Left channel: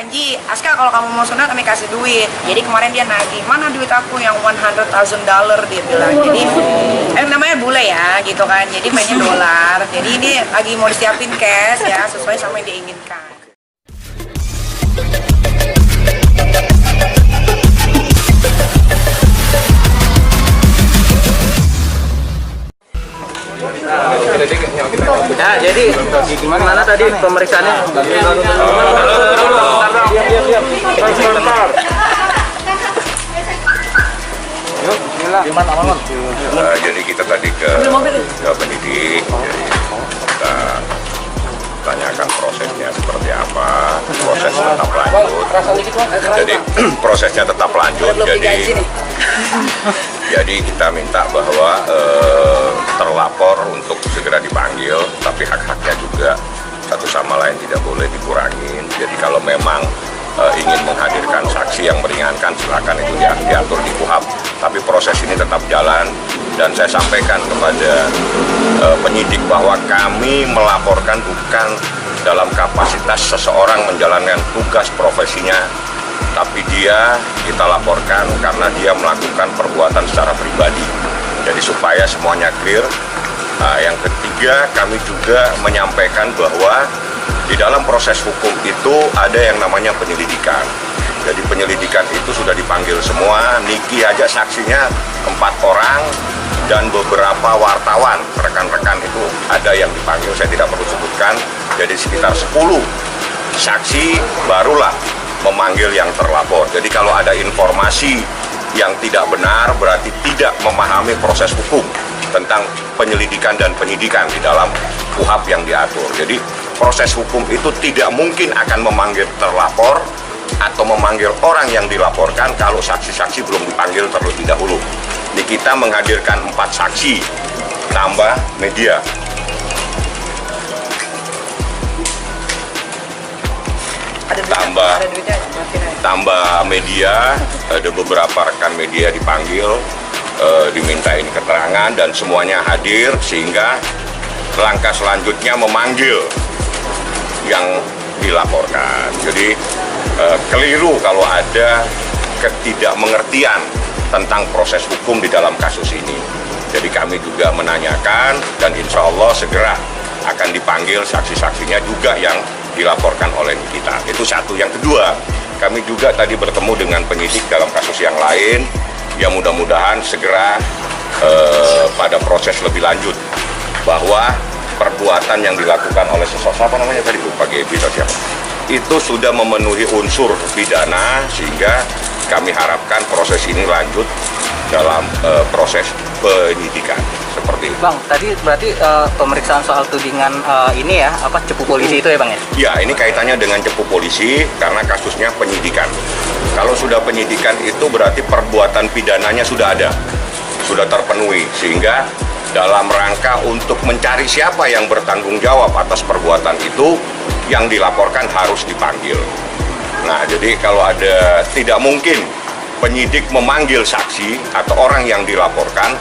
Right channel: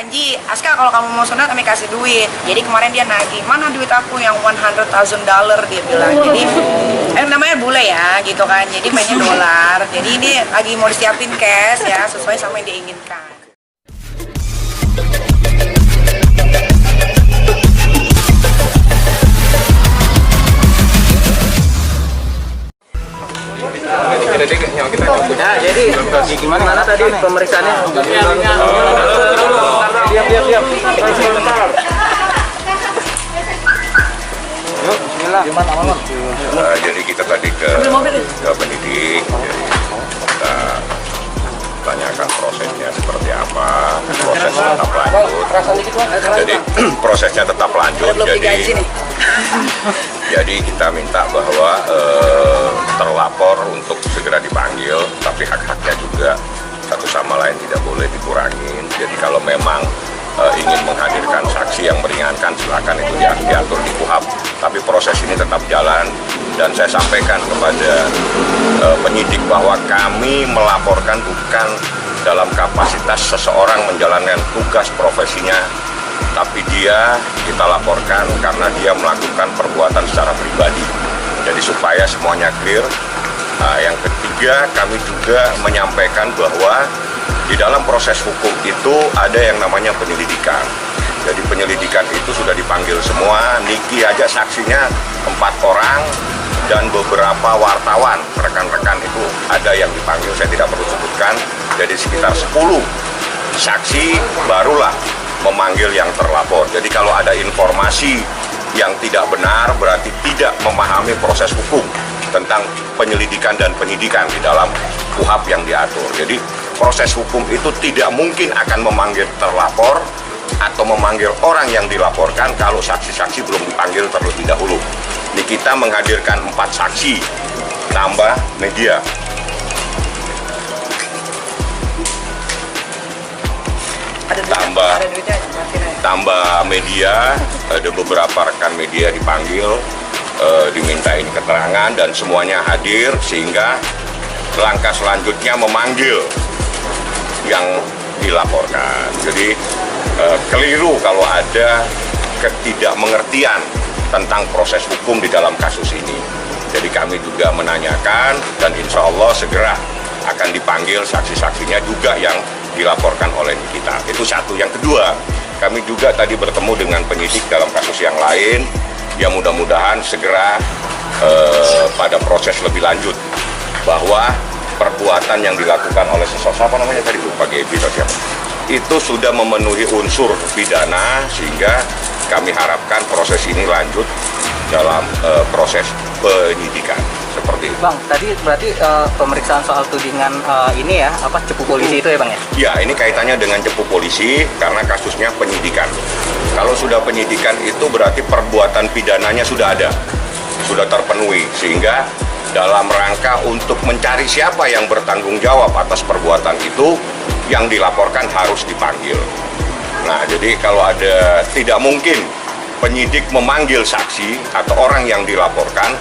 janji, Aska kalau kamu mau sunat kami kasih duit. Jadi kemarin dia nagih, mana duit aku yang $100,000 dia bilang. Jadi namanya bule ya gitu kan, jadi mainnya dolar. Jadi ini lagi mau disiapin cash ya sesuai sama yang dia inginkan. Ya, jadi gimana tadi pemeriksaannya? Diam. Jadi kita tadi ke penyidik, jadi kita tanyakan prosesnya seperti apa, proses tetap lanjut. Jadi prosesnya tetap lanjut. Jadi kita minta bahwa terlapor untuk segera dipanggil, tapi hak-haknya juga satu sama lain tidak boleh dikurangin. Jadi kalau memang ingin menghadirkan saksi yang meringankan, silakan itu diatur di KUHP. Tapi proses ini tetap jalan dan saya sampaikan kepada penyidik bahwa kami melaporkan bukan dalam kapasitas seseorang menjalankan tugas profesinya, tapi kita laporkan karena dia melakukan perbuatan secara pribadi. Jadi supaya semuanya clear. Yang ketiga, kami juga menyampaikan bahwa di dalam proses hukum itu ada yang namanya penyelidikan. Jadi penyelidikan itu sudah dipanggil semua. Niki aja saksinya 4 orang dan beberapa wartawan, rekan-rekan itu ada yang dipanggil, saya tidak perlu sebutkan. Jadi sekitar 10 saksi barulah memanggil yang terlapor. Jadi kalau ada informasi yang tidak benar berarti tidak memahami proses hukum tentang penyelidikan dan penyidikan di dalam KUHP yang diatur. Jadi proses hukum itu tidak mungkin akan memanggil terlapor atau memanggil orang yang dilaporkan kalau saksi-saksi belum dipanggil terlebih dahulu. Ini kita menghadirkan 4 saksi tambah media. Tambah media, ada beberapa rekan media dipanggil, dimintain keterangan dan semuanya hadir sehingga langkah selanjutnya memanggil yang dilaporkan. Jadi keliru kalau ada ketidakmengertian tentang proses hukum di dalam kasus ini. Jadi kami juga menanyakan dan insya Allah segera akan dipanggil saksi-saksinya juga yang dilaporkan oleh kita. Itu satu. Yang kedua, kami juga tadi bertemu dengan penyidik dalam kasus yang lain. Ya mudah-mudahan segera pada proses lebih lanjut bahwa perbuatan yang dilakukan oleh sesosok, apa namanya tadi, Pak Gebi atau siapa, itu sudah memenuhi unsur pidana sehingga kami harapkan proses ini lanjut dalam proses penyidikan seperti itu. Bang, tadi berarti pemeriksaan soal tudingan ini ya, cepu polisi itu ya Bang ya? Ya, ini kaitannya dengan cepu polisi karena kasusnya penyidikan. Kalau sudah penyidikan itu berarti perbuatan pidananya sudah ada, sudah terpenuhi, sehingga dalam rangka untuk mencari siapa yang bertanggung jawab atas perbuatan itu, yang dilaporkan harus dipanggil. Nah, jadi kalau ada, tidak mungkin penyidik memanggil saksi atau orang yang dilaporkan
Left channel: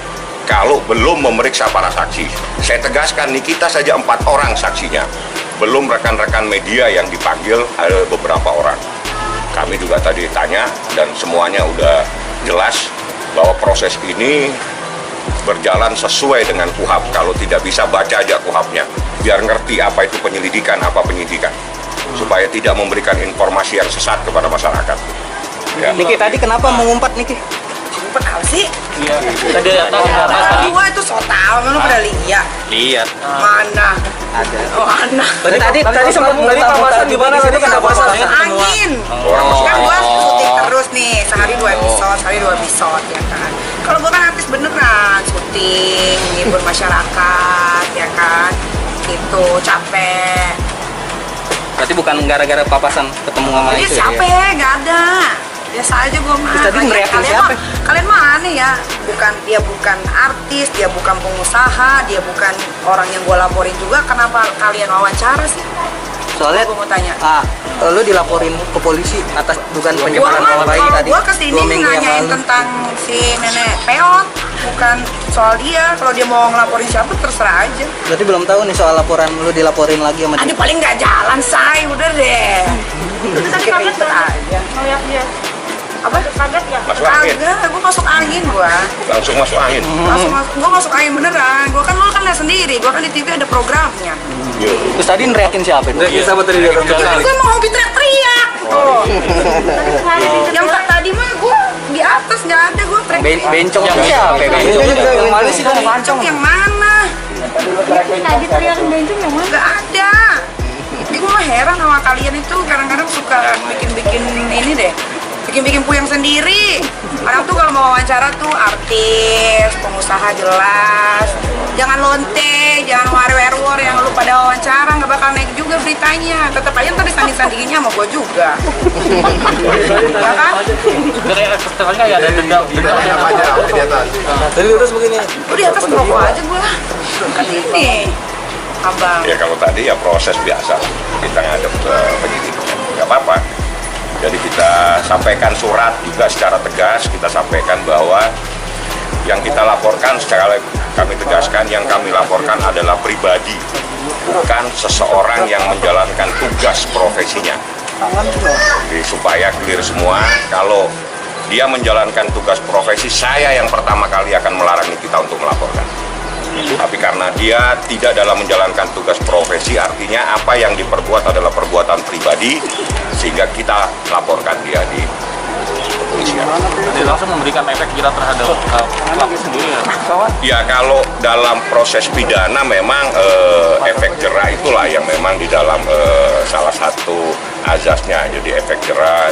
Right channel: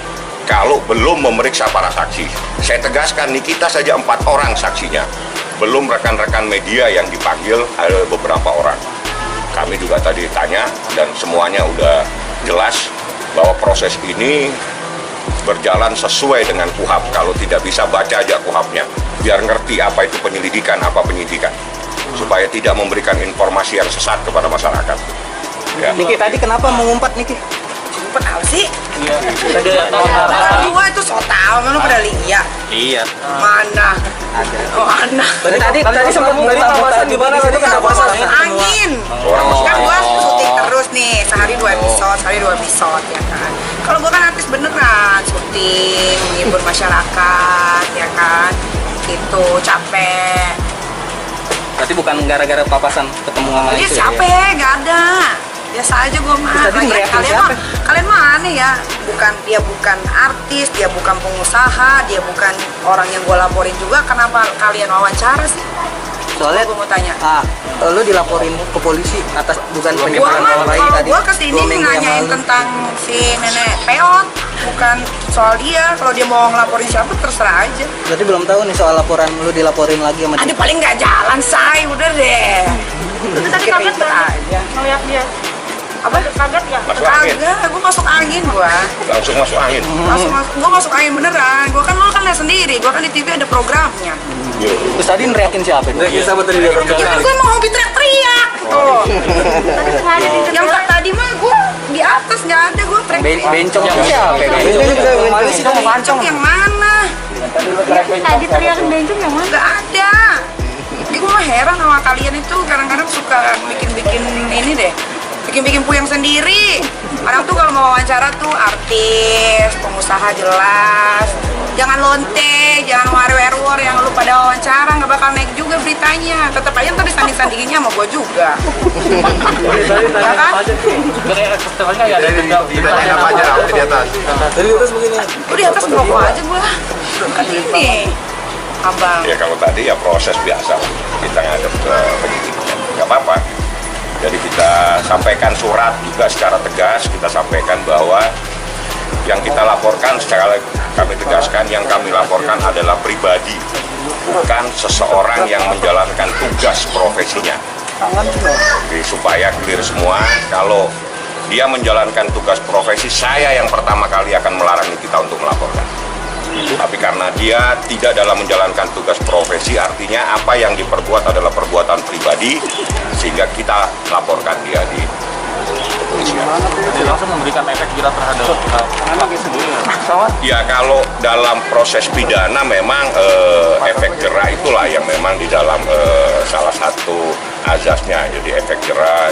kalau belum memeriksa para saksi. Saya tegaskan, nih kita saja 4 orang saksinya, belum rekan-rekan media yang dipanggil ada beberapa orang. Kami juga tadi tanya dan semuanya udah jelas bahwa proses ini berjalan sesuai dengan KUHP. Kalau tidak bisa baca aja KUHP-nya, biar ngerti apa itu penyelidikan, apa penyidikan, supaya tidak memberikan informasi yang sesat kepada masyarakat. Ya. Niki tadi kenapa mengumpat Niki? Ngumpet apa sih? Iya. Tadi Gua itu so tau, lu pada lihat. lihat. Mana? Ada. Oh, anak. Tadi sempat muter-muter gimana tadi kenapa masalahnya? Angin. Kan gua syuting terus nih, sehari 2 episode ya kan. Kalau gua kan artis beneran, syuting, menghibur masyarakat ya kan. Itu capek. Berarti bukan gara-gara papasan ketemu sama Dia itu siapa ya? Nggak ada. Biasa aja gue mah. Tadi ngeriakin siapa? Kalian mah aneh ya. Dia bukan artis, dia bukan pengusaha, dia bukan orang yang gue laporin juga. Kenapa kalian wawancara sih? Soalnya gue mau tanya. Lu dilaporin ke polisi atas dugaan penyebaran Gua nama baik kalau tadi. gue kesini nanyain tentang si nenek peot, bukan soal dia. Kalau dia mau ngelaporin siapa terserah aja. Berarti belum tahu nih soal laporan lu dilaporin lagi sama dia. Paling nggak jalan, say, udah deh. Itu tadi bikin ribet aja. Ngeliat dia. Apa? Kaget ya? Masuk angin. Kagak, gue masuk angin gua. Langsung masuk angin. Gue masuk angin beneran. Gue kan, lo kan lihat sendiri. Gue kan di TV ada programnya. Terus tadi neriakin siapa? Neriakin siapa tadi dia? Gue mau hobi teriak-teriak. Oh. Yang tadi mah gue di atas nggak ada gue teriak. Bencong siapa? Yang mana sih kamu Bencong yang mana? Tadi teriakin bencong yang mana? Nggak ada. Jadi gue mah heran sama kalian itu kadang-kadang suka bikin-bikin ini deh. Bikin-bikin puyeng sendiri. Orang tuh kalau mau wawancara tuh artis, pengusaha jelas. Jangan lonte, jangan war-war yang lu pada wawancara, nggak bakal naik juga beritanya. Tetap aja ntar disanding-sandinginnya sama gue juga. Ya kan? Tadi di atas begini. Gue di atas merokok aja gue. Kan ini, abang. Ya kalau tadi ya proses biasa. Kita ngadep ke penyidik. Nggak apa-apa. Jadi kita sampaikan surat juga secara tegas, kita sampaikan bahwa yang kita laporkan secara kami tegaskan, yang kami laporkan adalah pribadi, bukan seseorang yang menjalankan tugas profesinya. Jadi supaya clear semua, kalau dia menjalankan tugas profesi, saya yang pertama kali akan melarang kita untuk melaporkan. Tapi karena dia tidak dalam menjalankan tugas profesi, artinya apa yang diperbuat adalah perbuatan pribadi, sehingga kita laporkan dia di kepolisian. Jadi langsung memberikan efek jerat terhadap pelaku sendiri ya? Ya kalau dalam proses pidana memang efek jera itulah yang memang di dalam salah satu azasnya. Jadi efek jera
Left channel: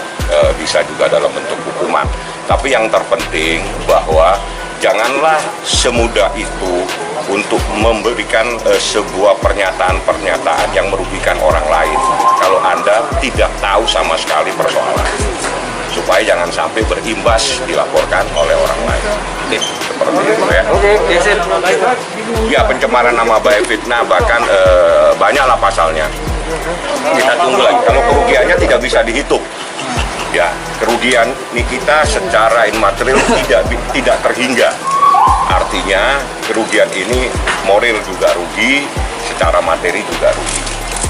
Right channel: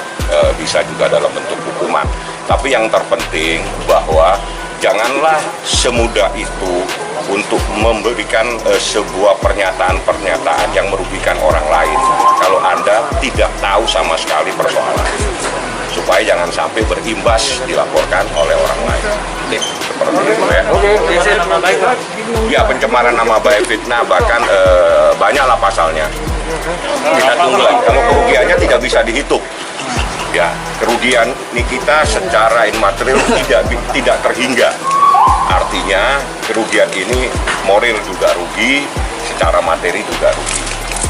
bisa juga dalam bentuk hukuman. Tapi yang terpenting bahwa janganlah semudah itu untuk memberikan sebuah pernyataan-pernyataan yang merugikan orang lain kalau Anda tidak tahu sama sekali persoalan, supaya jangan sampai berimbas dilaporkan oleh orang lain. Seperti itu ya. Ya, pencemaran nama baik, fitnah, bahkan banyaklah pasalnya. Kita tunggu lagi. Kalau kerugiannya tidak bisa dihitung, ya kerugian kita secara imaterial tidak terhingga. Artinya kerugian ini moral juga rugi, secara materi juga rugi.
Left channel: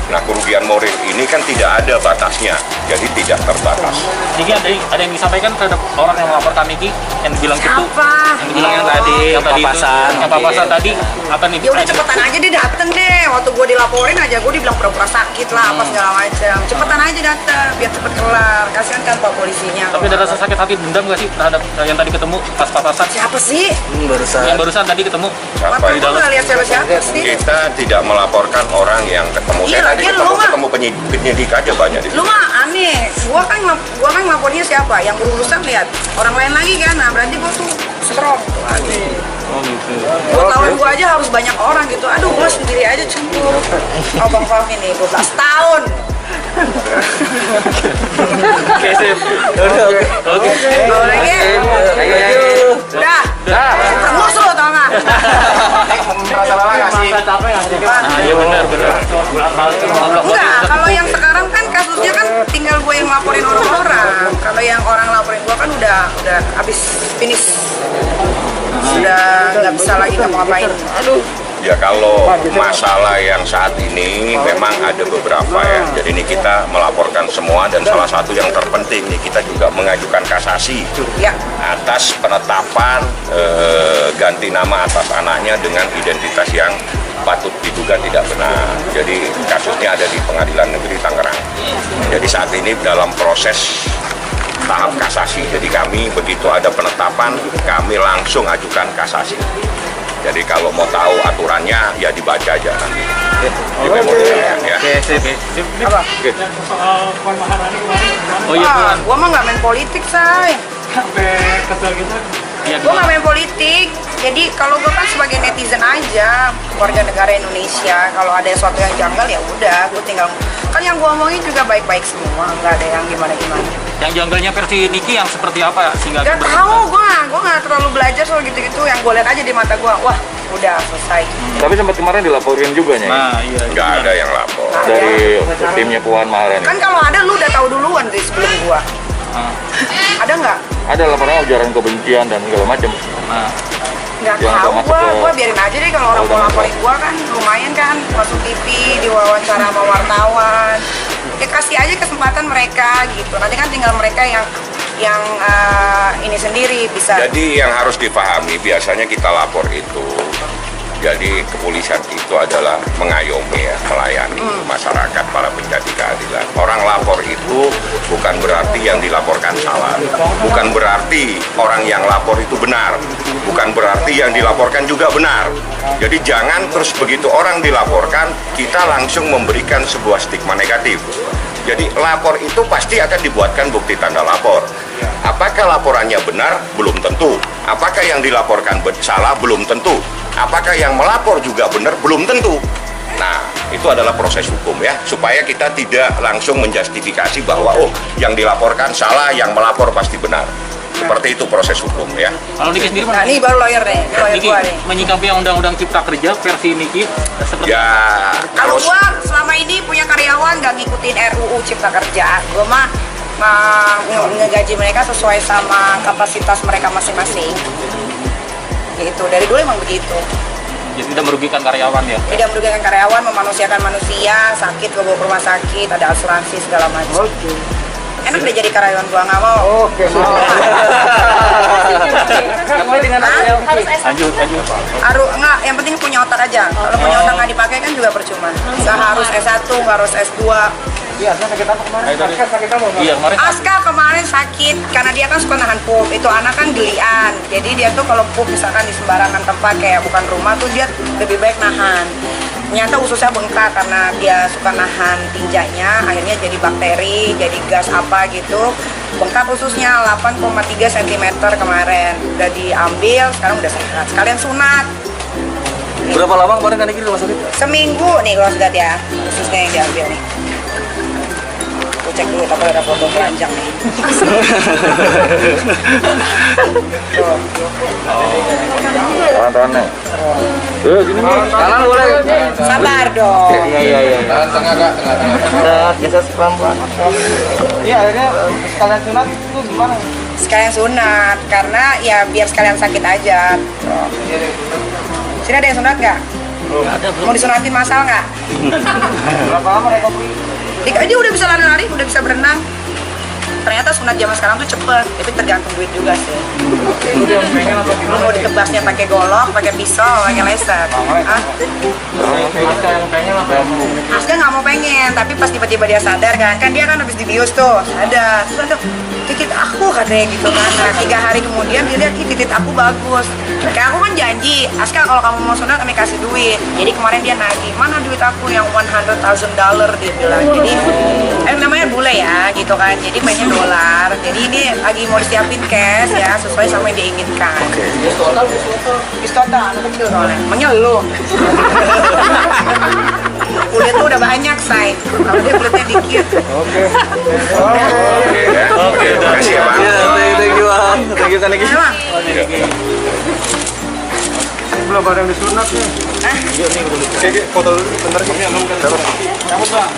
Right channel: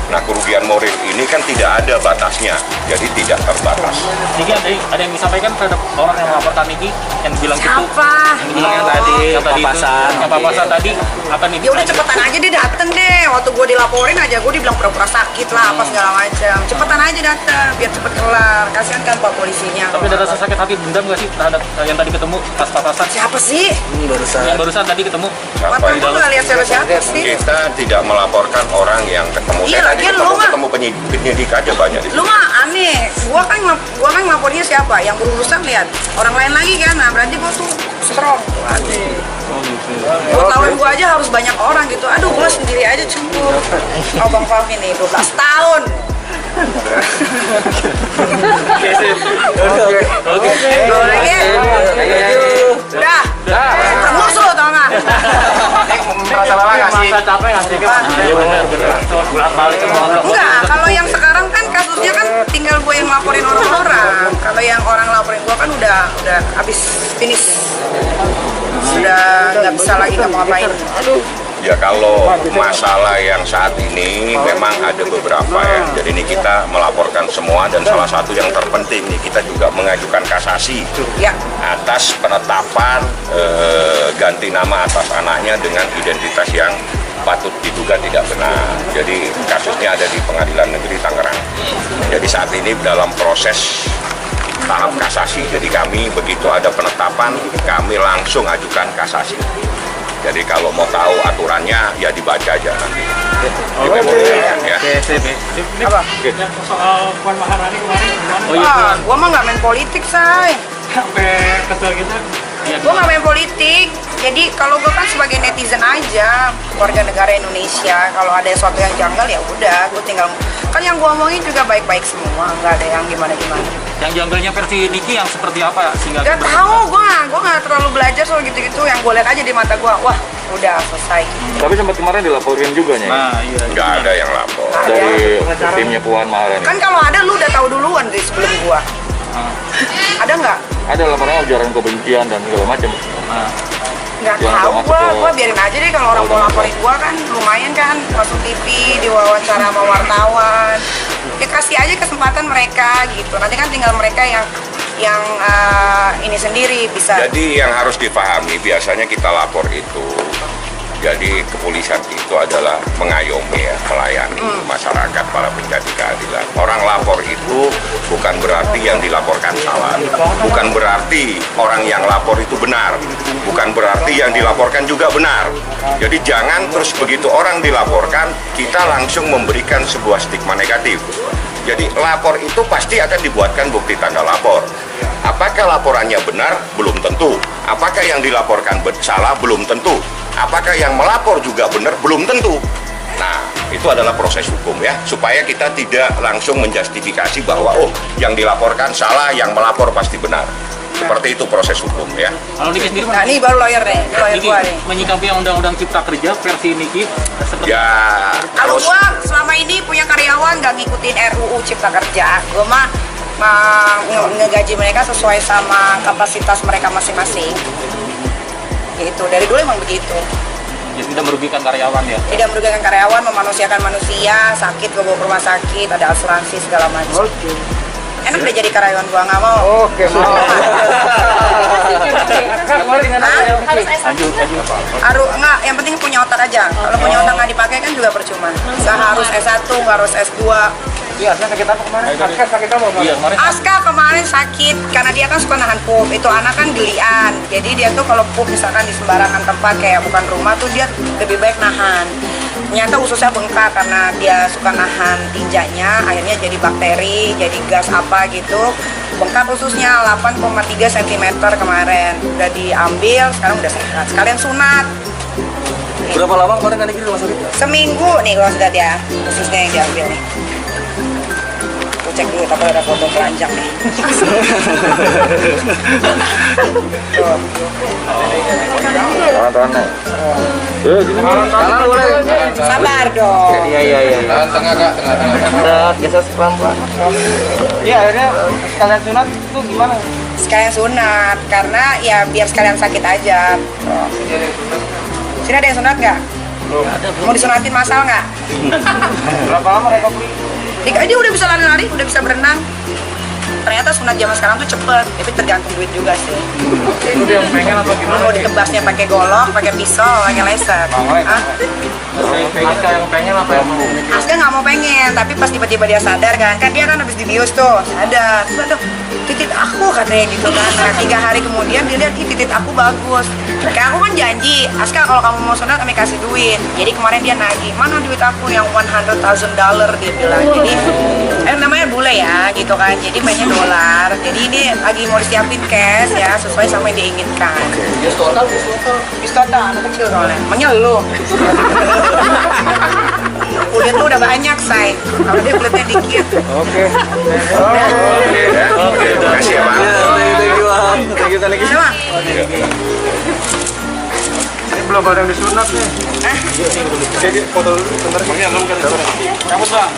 Nah, kerugian moral ini kan tidak ada batasnya, jadi tidak terbatas. Niki ada yang disampaikan terhadap orang yang melaporkan Niki yang bilang gitu? Siapa? Yang bilang yang tadi yang papasan tadi apa nih? Ya udah cepetan aja dia dateng deh. Waktu gue dilaporin aja gue dibilang pura-pura sakit lah apa segala macam. Cepetan aja datang biar cepet kelar. Kasihan kan pak polisinya. Tapi ada rasa sakit hati dendam nggak sih terhadap yang tadi ketemu pas papasan? Siapa sih? Yang barusan tadi ketemu? Apa Gue itu? nggak lihat siapa-siapa sih. Kita tidak melaporkan orang yang ketemu. Iya, Saya tadi lagian lu mah- ketemu penyidik aja banyak di Lu mah aneh. Gua kan ngelapornya siapa? Yang berurusan lihat orang lain lagi kan. Nah berarti gua tuh strong. Buat lawan gua aja harus banyak orang gitu. Aduh gua sendiri aja cemburu. Oh Bang Fahmi nih 12 tahun. Oke. Boleh ya? Udah. Terus lu tau nggak? Masa capek nggak sih? Iya benar. Enggak, kalau yang sekarang kan kasusnya kan tinggal gue yang laporin orang-orang. Kalau yang orang laporin gue kan udah habis finish. Sudah nggak bisa lagi ngapa-ngapain. Aduh. Ya kalau masalah yang saat ini memang ada beberapa ya. Jadi ini kita melaporkan semua dan salah satu yang terpenting nih kita juga mengajukan kasasi Ya. atas penetapan ganti nama atas anaknya dengan identitas yang patut diduga tidak benar. Jadi kasusnya ada di Pengadilan Negeri Tangerang. Jadi saat ini dalam proses tahap kasasi. Jadi kami begitu ada penetapan kami langsung ajukan kasasi. Jadi kalau mau tahu aturannya ya dibaca aja nanti di memorialnya ya. Apa? Soal Puan Maharani kemarin gimana? Oh iya Wah, Puan. gue mah nggak main politik, say. Sampai kesel gitu. Iya. Gue nggak main politik. Jadi kalau gue kan sebagai netizen aja, warga negara Indonesia. Kalau ada sesuatu yang janggal ya udah, gue tinggal. Kan yang gue omongin juga baik-baik semua, nggak ada yang gimana-gimana. Yang janggalnya versi Niki yang seperti apa sehingga Gak tahu, gue nggak terlalu belajar soal gitu-gitu. Yang gue lihat aja di mata gue, wah udah selesai. Tapi sempat kemarin dilaporin juga nih Nah, iya. Nggak ada yang lapor. dari timnya Puan Maharani. Kan kalau ada lu udah tahu duluan dari sebelum gue. Ada nggak? Ada laporan ujaran kebencian dan segala macam. Nah, Nggak Yang tahu nggak masuk gue ke- biarin aja deh kalau orang mau laporin gue kan lumayan kan masuk TV, diwawancara sama wartawan. Ya kasih aja kesempatan mereka gitu. Nanti kan tinggal mereka yang ini sendiri bisa. Jadi yang harus dipahami biasanya kita lapor itu, jadi kepolisian itu adalah mengayomi ya, melayani masyarakat, para pencari keadilan. Orang lapor itu bukan berarti yang dilaporkan salah, bukan berarti orang yang lapor itu benar, bukan berarti yang dilaporkan juga benar. Jadi jangan terus begitu orang dilaporkan, kita langsung memberikan sebuah stigma negatif. Jadi lapor itu pasti akan dibuatkan bukti tanda lapor. Apakah laporannya benar? Belum tentu. Apakah yang dilaporkan salah? Belum tentu. Apakah yang melapor juga benar? Belum tentu. Nah, itu adalah proses hukum ya, supaya kita tidak langsung menjustifikasi bahwa oh, yang dilaporkan salah, yang melapor pasti benar. Seperti itu proses hukum ya. Kalau Niki sendiri, Nah, ini baru lawyer nih, ini lawyer Niki gua nih. menyikapi yang undang-undang Cipta Kerja versi Niki seperti Ya, Kalau kalau gua selama ini punya karyawan nggak ngikutin RUU Cipta Kerja, gua mah ngegaji mereka sesuai sama kapasitas mereka masing-masing. Gitu, dari dulu emang begitu. jadi tidak merugikan karyawan ya. Tidak merugikan karyawan, memanusiakan manusia, sakit gua bawa ke rumah sakit, ada asuransi segala macam. Enak deh jadi karyawan gua, nggak mau. mau. Lanjut. Enggak, yang penting punya otak aja. Kalau punya otak nggak dipakai kan juga percuma. Harus S1, nggak harus S2. Iya, sakit apa kemarin? Sakit apa? Iya, kemarin Aska kemarin sakit karena dia kan suka nahan pup. Itu anak kan gelian. Jadi dia tuh kalau pup misalkan di sembarangan tempat kayak bukan rumah tuh dia lebih baik nahan. Ternyata ususnya bengkak karena dia suka nahan tinjanya, akhirnya jadi bakteri, jadi gas apa gitu. Bengkak ususnya 8,3 cm kemarin. Udah diambil, sekarang udah sehat. Sekalian sunat. Berapa lama kemarin kan Niki di rumah sakit? Seminggu nih kalau sudah ya, ususnya yang diambil nih. Aku cek dulu tapi ada foto keranjang nih. Tangan-tangan nih. Gini nih. Kanan boleh. Sabar dong. Iya. Tangan tengah kak, tengah. Geser pelan-pelan. Iya, akhirnya sekalian sunat itu gimana? Sekalian sunat karena ya biar sekalian sakit aja. Sini ada yang sunat nggak? Mau disunatin masal nggak? Berapa lama recovery? Dia udah bisa lari-lari, udah bisa berenang. Ternyata sunat zaman sekarang tuh cepet, tapi tergantung duit juga sih. Udah yang pengen atau gimana? Mau ditebasnya pakai golok, pakai pisau, pakai laser. Hah? Aska yang pengen apa yang mau? Aska nggak mau pengen, tapi pas tiba-tiba dia sadar kan dia kan habis dibius tuh, sadar. Terus aduh, titik aku katanya gitu kan. Nah, 3 hari kemudian dia lihat, ih titik aku bagus. Kayak aku kan janji, Aska kalau kamu mau sunat kami kasih duit. Jadi kemarin dia nagih, mana duit aku yang $100,000 dia bilang. Jadi namanya bule ya gitu kan, jadi mainnya dolar. Jadi ini lagi mau disiapin cash ya sesuai sama yang diinginkan. Bis total, anak kecil soalnya, menyeluh. Kulit tuh udah banyak, say. Kalau dia kulitnya dikit. Oke, terima kasih ya Pak. Thank you kan Niki. Sama? Belum ada yang disunat nih. Hah? Jadi foto dulu bentar. cabut bang.